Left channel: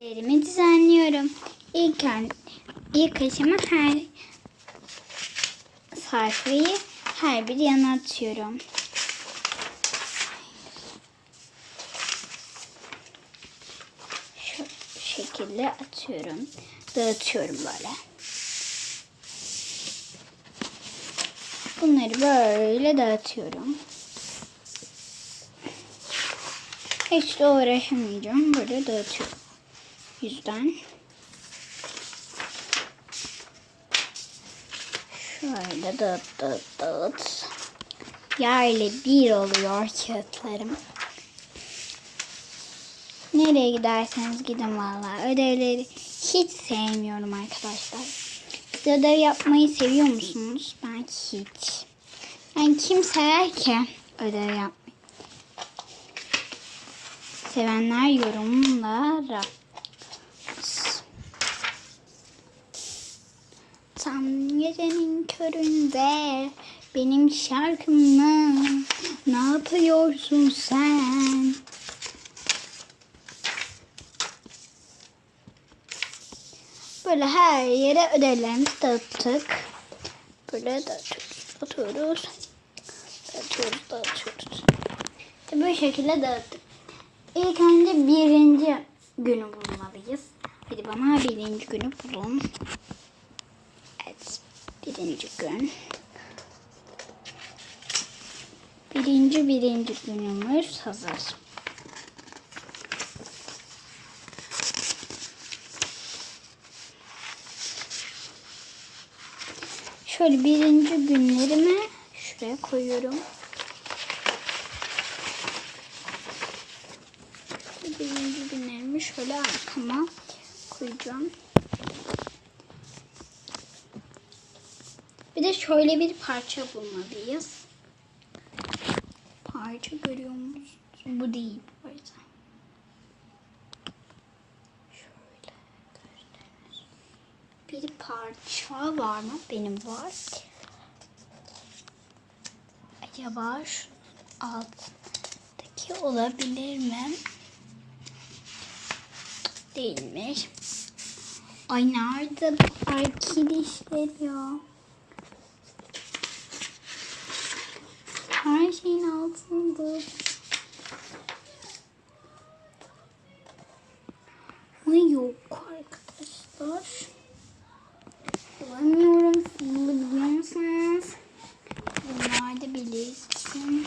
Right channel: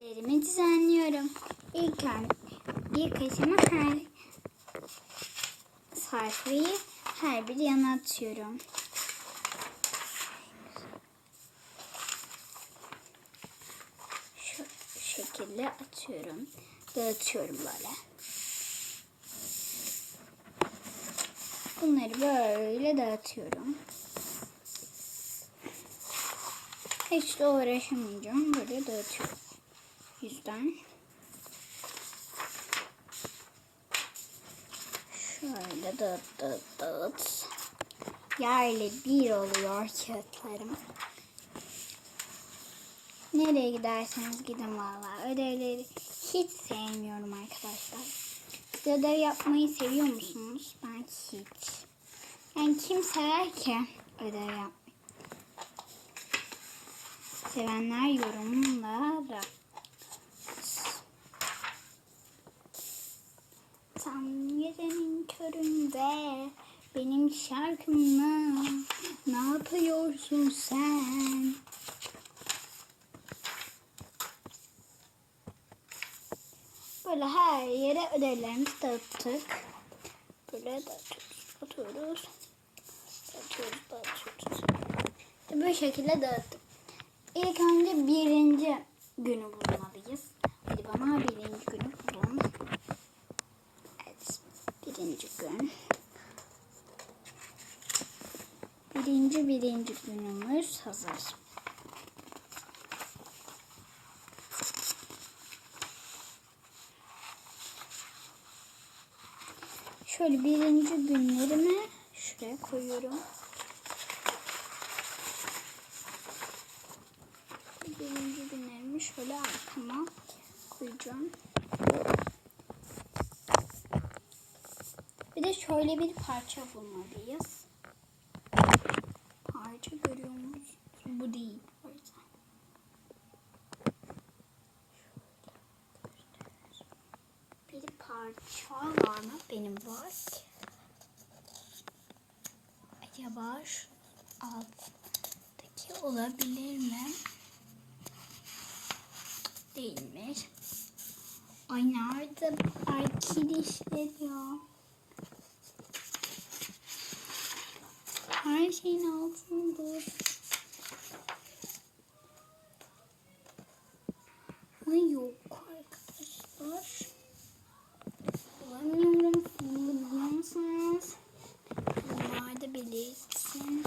Derimi düzenliyorum. İlk, ilk aşama her sayfayı her bir yana atıyorum. Şu şekilde atıyorum. Dağıtıyorum böyle. Bunları böyle dağıtıyorum. Hiç de uğraşamayacağım. Böyle dağıtıyorum. Yüzden. Şöyle dağıt dağıt dağıt. Yerle bir oluyor kağıtlarım. Nereye giderseniz gidin vallahi. Ödevleri hiç sevmiyorum arkadaşlar. Ödev yapmayı seviyor musunuz? Ben hiç. Yani kim sever ki ödev yapmayı? Sevenler yorumlara. Tam gecenin köründe benim şarkımla ne yapıyorsun sen? Böyle her yere ödevlerimizi dağıttık. Böyle dağıtıyoruz, atıyoruz. Dağıtıyoruz, dağıtıyoruz. İşte bu şekilde dağıttık. İlk önce birinci günü bulmalıyız. Hadi bana birinci günü bulun. Birinci gün. Birinci birinci günümüz hazır. Şöyle birinci günlerimi şuraya koyuyorum. Birinci günlerimi şöyle arkama koyacağım. Bir de şöyle bir parça bulmalıyız. Parça görüyor musunuz? Bu değil bu. Şöyle. Bir parça var mı? Benim var. Acaba şu alttaki olabilir mi? Değilmiş. Ay nerede bu arkadaşlar ya? Her şeyin altında. Ay yok arkadaşlar. Bulamıyorum. Siz bulabiliyor musunuz? Bunlar da bilirsin.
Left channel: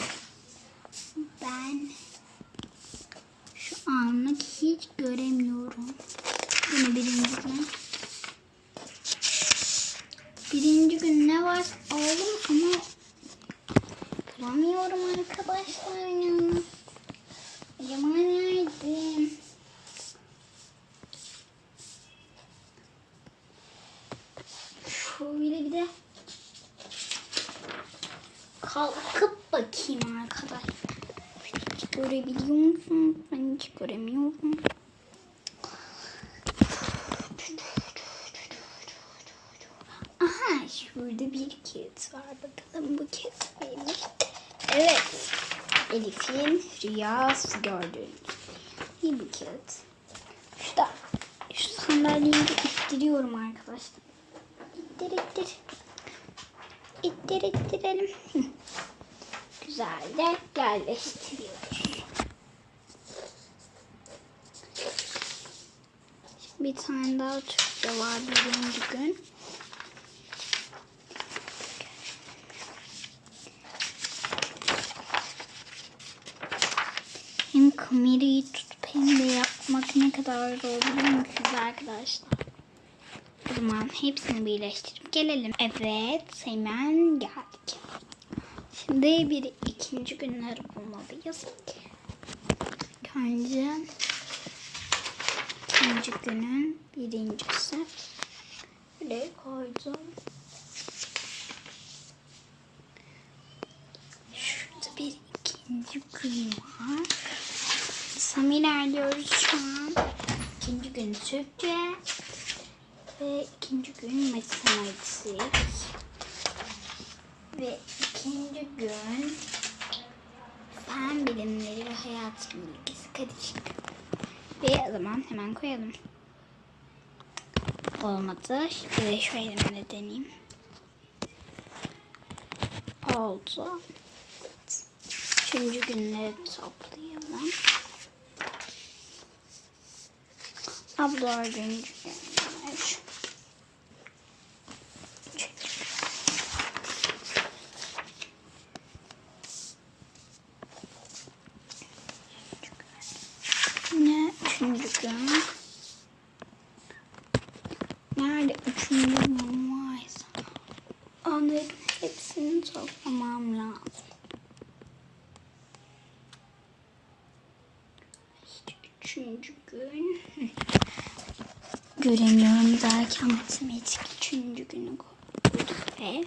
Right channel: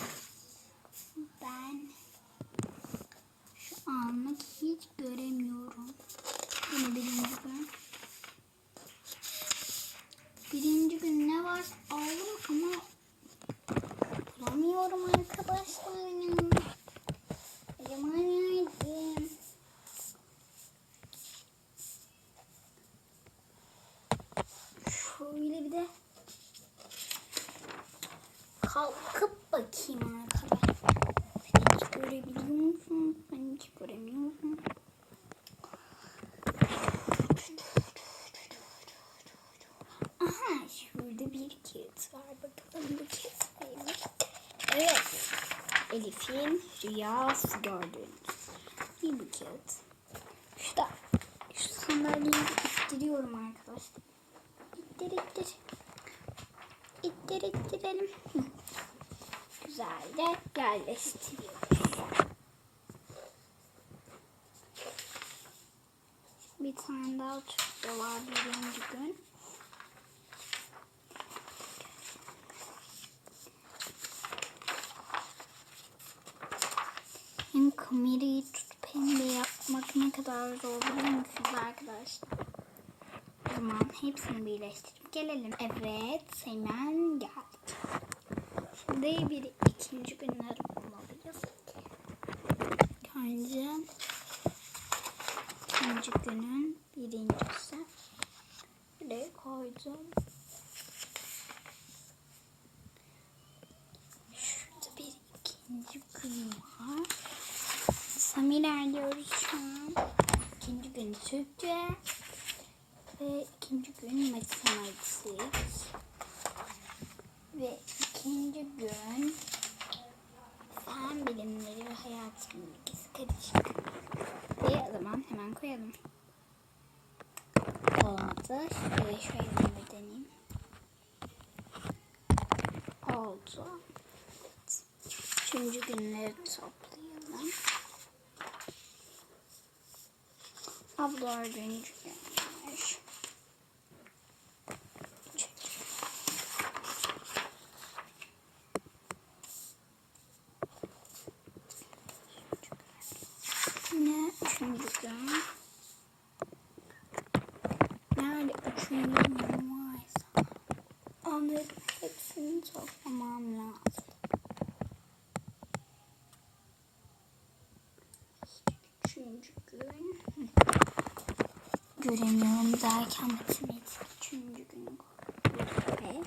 Ben şu anlık hiç göremiyorum. Yine birinci gün. Birinci gün ne var? Oğlum ama bulamıyorum arkadaşlar ya. Acaba nerede? Şöyle bir de kalkıp bakayım arkadaşlar. Hiç görebiliyor musunuz? Ben hiç göremiyorum. Aha şurada bir kağıt var. Bakalım bu kağıt neymiş? Evet. Elif'in rüyası gördüğünüz bir bir kağıt. Şurada şu sandalyeyi de ittiriyorum arkadaşlar. İttir ittir. İttir ittirelim. Güzel de yerleştiriyoruz. Bir tane daha Türkçe var birinci gün. Hem kamerayı tutup hem de yapmak ne kadar zor biliyor musunuz arkadaşlar? O zaman hepsini birleştirip gelelim. Evet hemen geldik. Şimdi bir ikinci günleri bulmalıyız. Önce ikinci günün birincisi. Buraya koydum. Şurada bir ikinci gün var. İlerliyoruz şu an. İkinci gün Türkçe. Ve ikinci gün matematik. Ve ikinci gün fen bilimleri ve hayat bilgisi karışık. Ve zaman hemen koyalım. Olmadı. Şimdi şöyle de deneyeyim. Oldu. Üçüncü günleri toplayalım. Ab dördüncü günler. Ne üçüncü gün? Nerede üçüncü gün varsa onların hepsini toplamam lazım. Üçüncü gün. Göremiyorum derken matematik üçüncü günü koyduk ve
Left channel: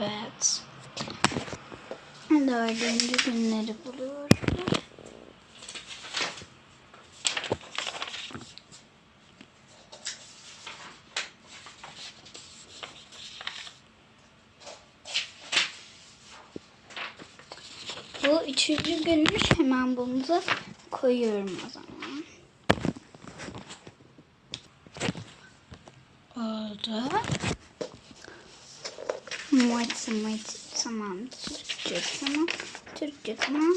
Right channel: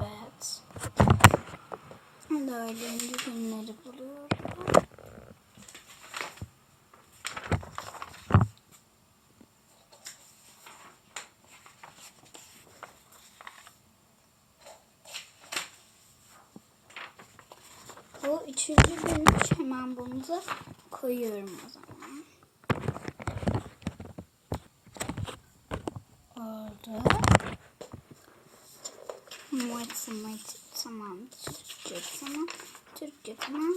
evet dördüncü günleri buluyorum. Bu üçüncü günmüş. Hemen bunu da koyuyorum o zaman. Oldu. Matematik tamam. Türkçe tamam. Türkçe tamam.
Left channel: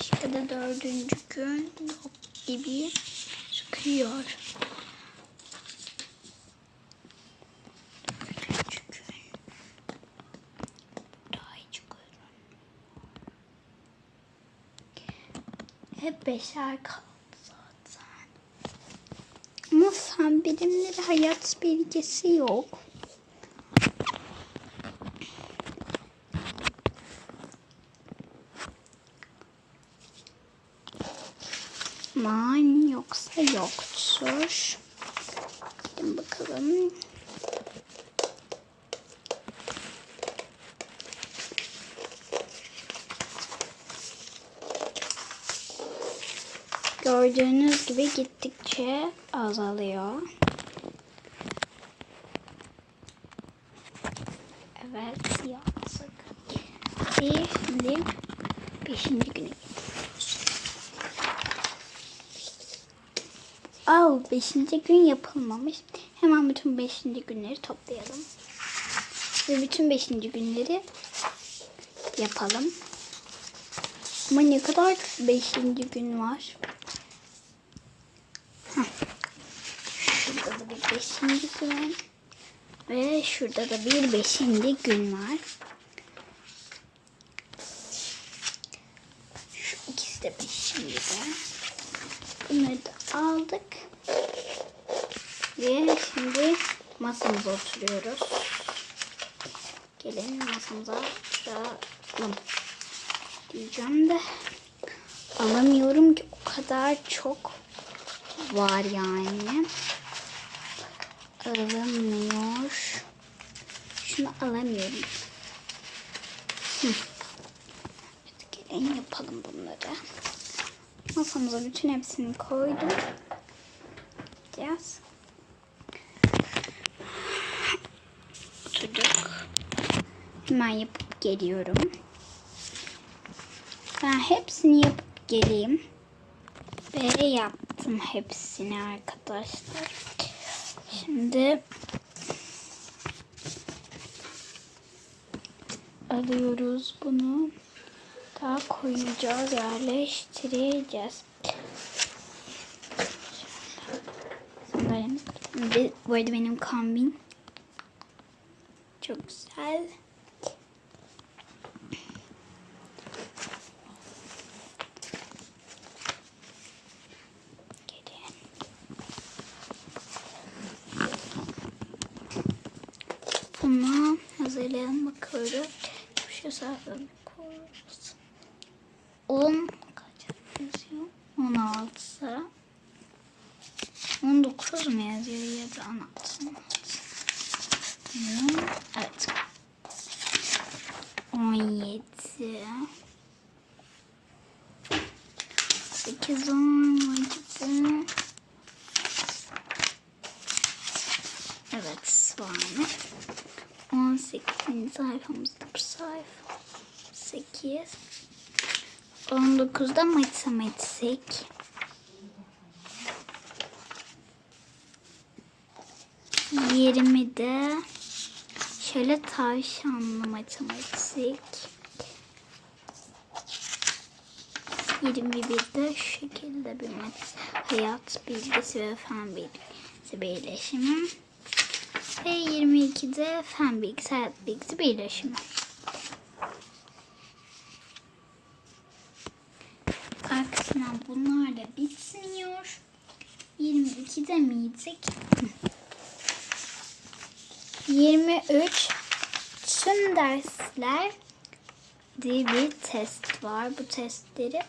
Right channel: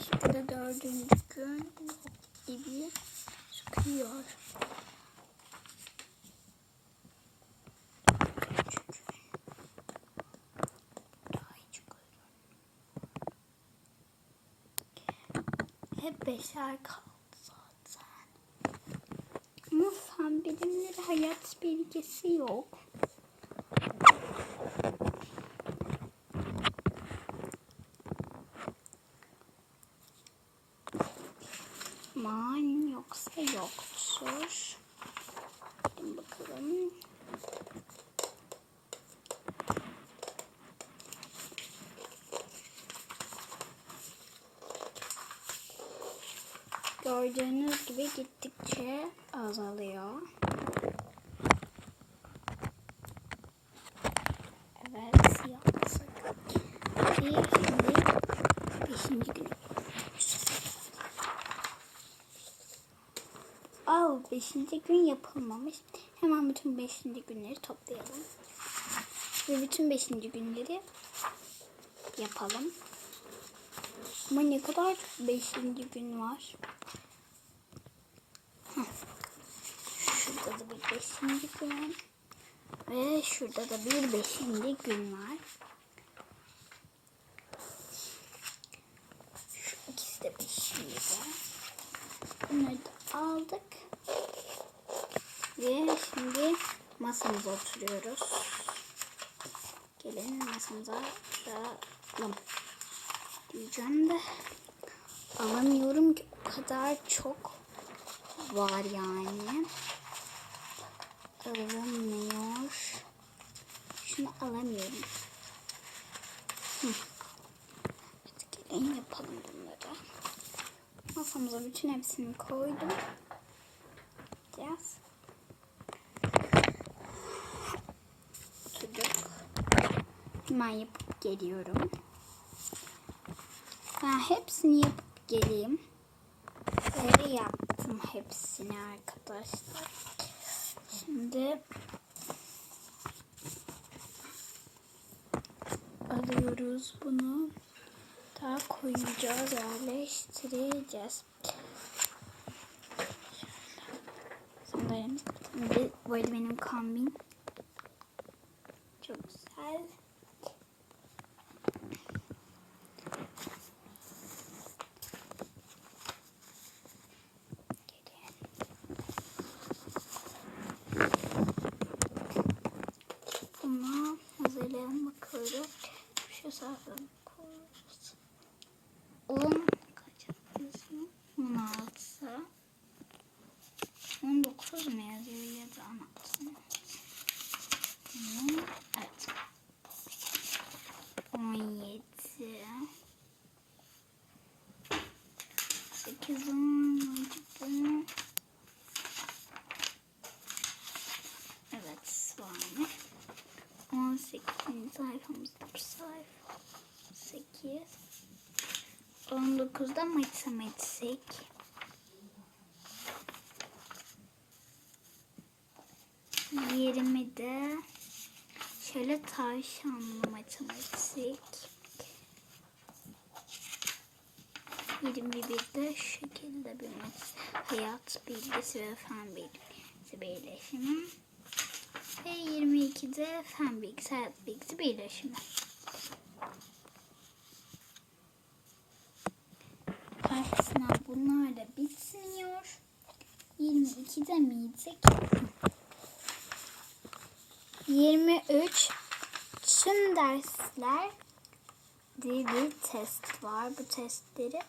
İşte de dördüncü gün gibi çıkıyor. Hep beşer kaldı. Ama fen bilimleri hayat bilgisi yok. Man yoksa yoktur. Gidin bakalım. Gördüğünüz gibi gittikçe azalıyor. Evet yaptık. Ve şimdi beşinci günü. Al beşinci gün yapılmamış. Hemen bütün beşinci günleri toplayalım. Ve bütün beşinci günleri yapalım. Ama ne kadar beşinci gün var. Şurada da bir beşinci gün. Ve şurada da bir beşinci gün var. Şu ikisi de beşinci gün. Bunları da aldık. Ve şimdi masamıza oturuyoruz. Gelin masamıza oturalım. Diyeceğim de alamıyorum ki o kadar çok var yani. Alamıyor. Şunu alamıyorum. Hı. Gelin yapalım bunları. Masamıza bütün hepsini koydum. Gideceğiz. Oturduk. Hemen yapıp geliyorum. Ben hepsini yapıp geleyim. Ve yaptım hepsini arkadaşlar. Şimdi alıyoruz bunu. Daha koyacağız, yerleştireceğiz. Sandalyemiz. Bu arada benim kombin çok güzel. Gelin. Bunu hazırlayalım bakalım. Şu sayfada koyuyoruz. 10 kaç yazıyor? 16 19 mu yazıyor ya da 16 mı? Hmm, Evet. 17 8 10 acaba Evet var. 18 Aynı sayfamızda bu sayfa. 8. 19'da matematik. Yirmide şöyle tavşanlı matematik. 21'de şu şekilde bir hayat bilgisi ve fen bilgisi birleşimi. Ve 22'de fen bilgisi, hayat bilgisi birleşimi. Arkasından bunlarla bitmiyor. 22'de miydik? 23 tüm dersler diye bir test var. Bu testleri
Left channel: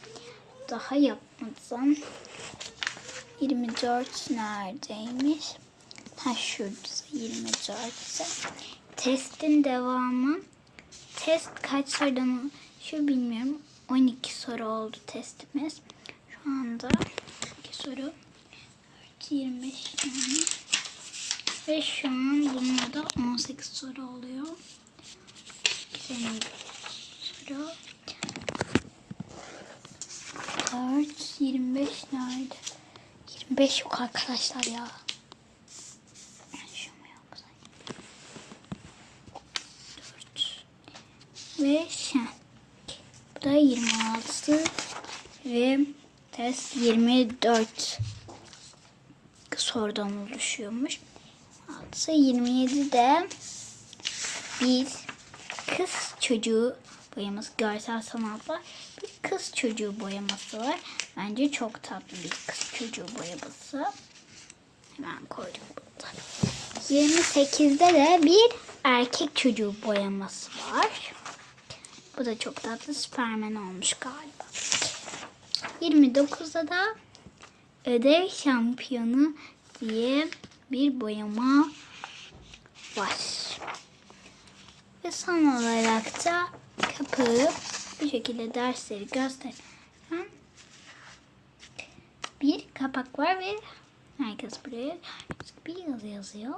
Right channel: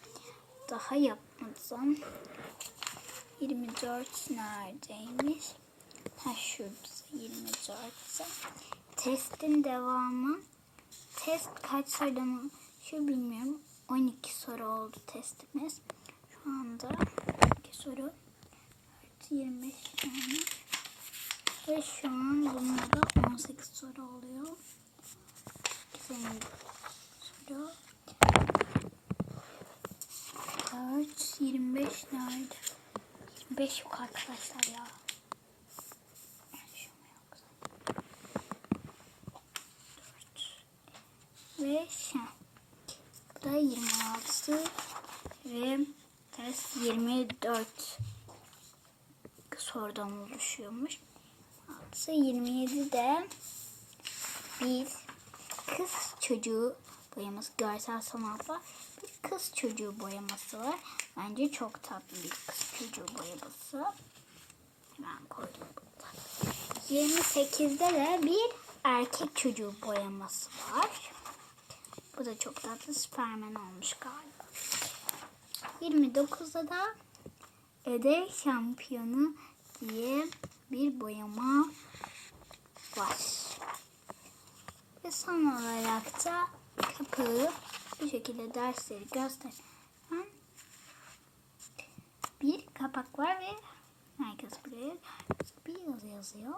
daha yapmadım. 24 neredeymiş? Ha şurada 24 ise. Testin devamı. Test kaç sorudan şu bilmiyorum. 12 soru oldu testimiz. Şu anda 2 soru. 4, 25 yani. Ve şu an bununla da 18 soru oluyor. Güzel soru. 4, 25 nerede? 25 yok arkadaşlar ya. Şu mu yoksa? 4 ve. Bu da 26 ve test 24 sorudan oluşuyormuş. 6 27 de bir kız çocuğu boyaması görsel sanatlar bir kız çocuğu boyaması var. Bence çok tatlı bir kız çocuğu boyaması. Hemen koydum burada. 28'de de bir erkek çocuğu boyaması var. Bu da çok tatlı Süpermen olmuş galiba. 29'da da ödev şampiyonu diye bir boyama var. Ve son olarak da kapayıp bu şekilde dersleri gösteren bir kapak var ve herkes buraya bir yazı yazıyor.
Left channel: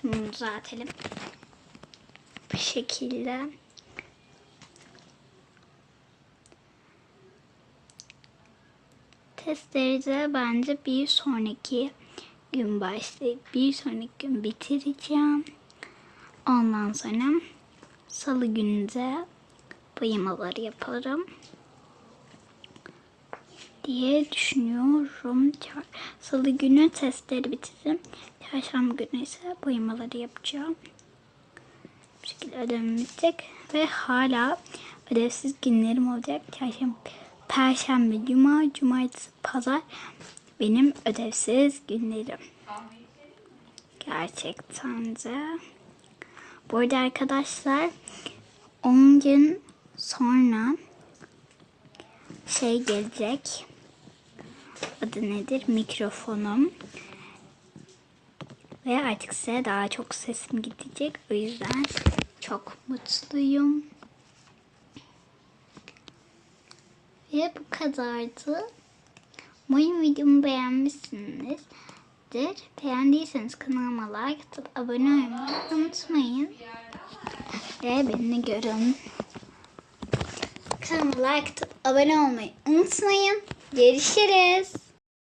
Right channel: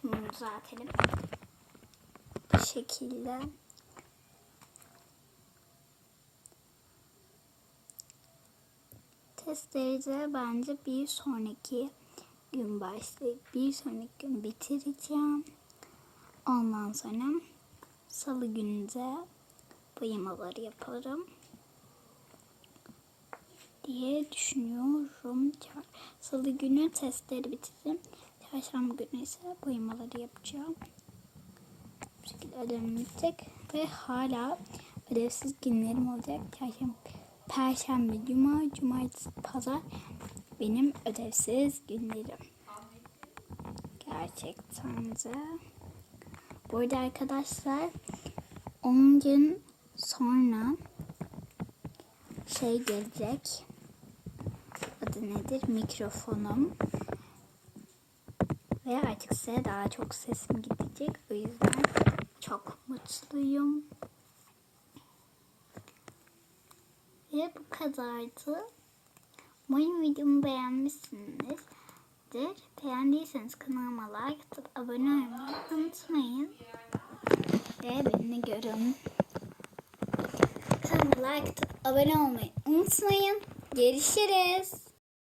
Şimdi bunu düzeltelim. Bu şekilde. Testleri de bence bir sonraki gün başlayıp bir sonraki gün bitireceğim. Ondan sonra salı günü de boyamaları yaparım diye düşünüyorum. Salı günü testleri bitiririm. Çarşamba günü ise boyamaları yapacağım. Bu şekilde ödevim bitecek ve hala ödevsiz günlerim olacak. Çarşamba, Perşembe, Cuma, Cumartesi, Pazar benim ödevsiz günlerim. Gerçekten de. Bu arada arkadaşlar 10 gün sonra şey gelecek. Adı nedir? Mikrofonum. Ve artık size daha çok sesim gidecek. O yüzden çok mutluyum. Ve bu kadardı. Umarım videomu beğenmişsinizdir. Beğendiyseniz kanalıma like atıp abone olmayı unutmayın. Ve beni görün. Kanalıma like atıp abone olmayı unutmayın. Görüşürüz.